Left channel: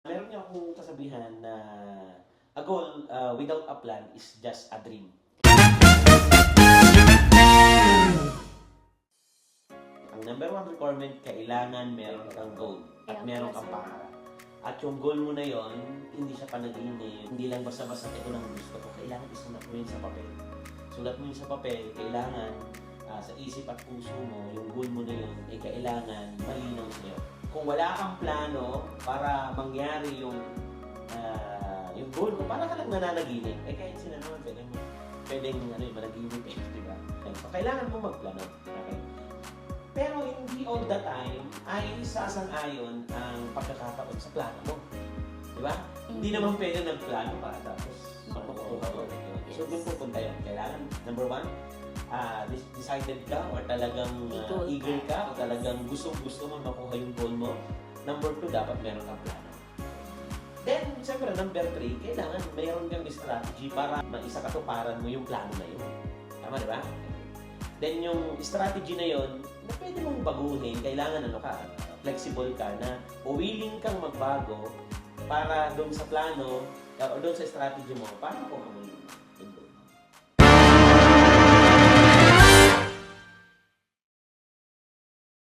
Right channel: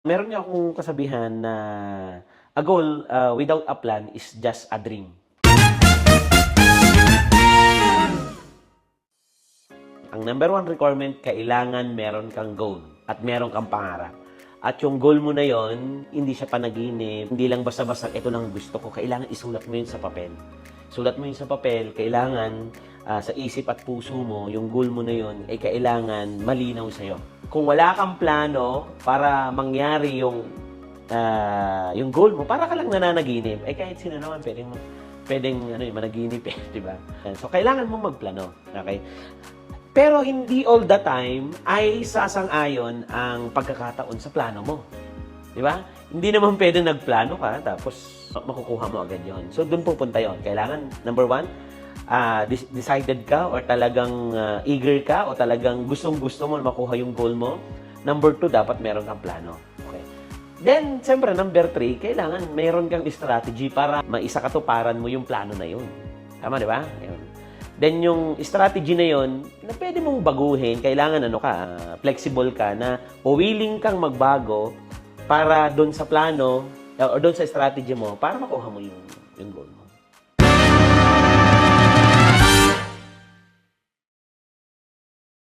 Meron nga akong kasabihan na a goal without a plan is just a dream. Ang number one requirement, kailangan meron kang goal at meron kang pangarap. At yung goal mo na yon, hindi siya panaginip, hindi lang basta-basta ito lang gusto ko. Kailangan isulat mo yun sa papel. Sulat mo yun sa papel, kailangan sa isip at puso mo, yung goal mo na yun, ay kailangan malinaw sa'yo. Kung wala kang plano para mangyari yung goal mo, para ka lang nananaginip, eh kahit sino naman pwedeng managinip di ba? So, kailangan mong magplano, okay? Pero hindi all the time ay sasang-ayon ang pagkakataon sa plano mo. Di ba? Hindi naman pwedeng nagplano ka tapos makukuha mo agad yon. So, doon pupunta yon. Kailangan, number one, decided ka or talagang eager ka o talagang gustong-gusto mo makuha yung goal mo. Number two, dapat meron kang plano. Okay. Then, siyempre, number three, kailangan meron kang strategy para maisakatuparan mo yung plano na yun. Tama, di ba? Yun. Then, yung strategy na yun, na pwede mong baguhin, kailangan flexible ka na o willing kang magbago para doon sa plano o doon sa strategy mo para makuha mo yung goal mo.